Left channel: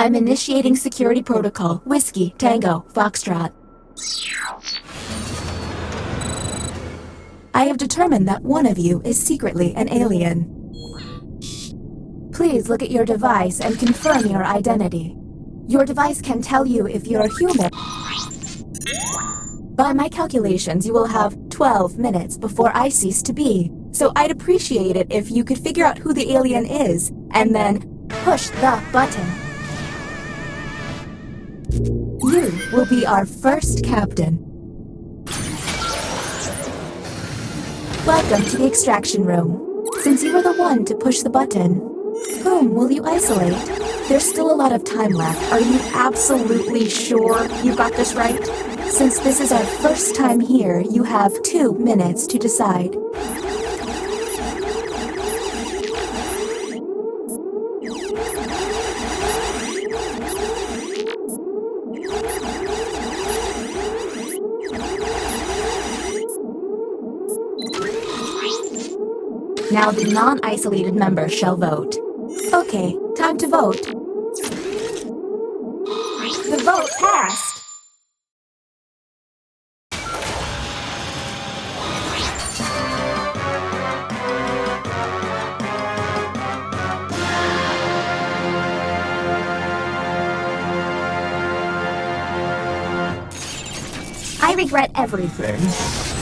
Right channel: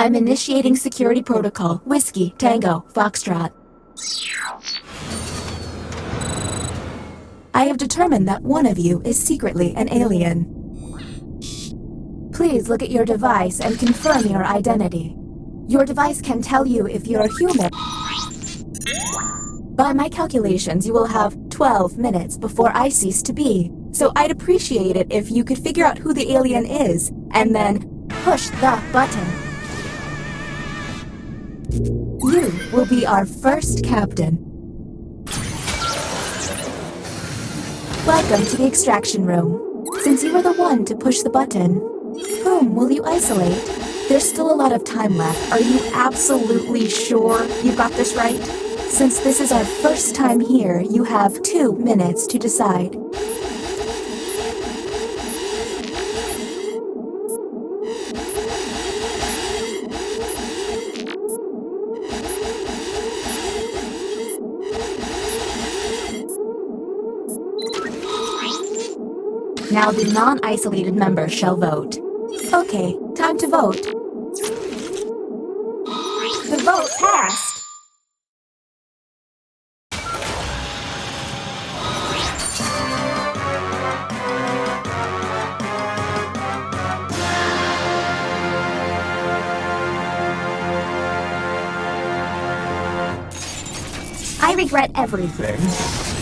I'm initiating security protocol. Whiskey, Tango, Foxtrot. I have determined that one of you is secretly an alien. Please look at your device and confirm your identity. Your device can tell you if you're human. By my calculations, you will have 12 minutes before I cease to be. So I'd appreciate it if you could figure out who the alien is, and then push the button. You will be our first captain. Welcome to the extraction room. Since you were the one to push the button, whom will you isolate? There's still a lot of time left. Are you absolutely sure you've got this right? Since this is our first time here, you have 2 minutes to decide. Now the non-isolated members shall vote. Okay, time to vote. The vote passed! I regret everything.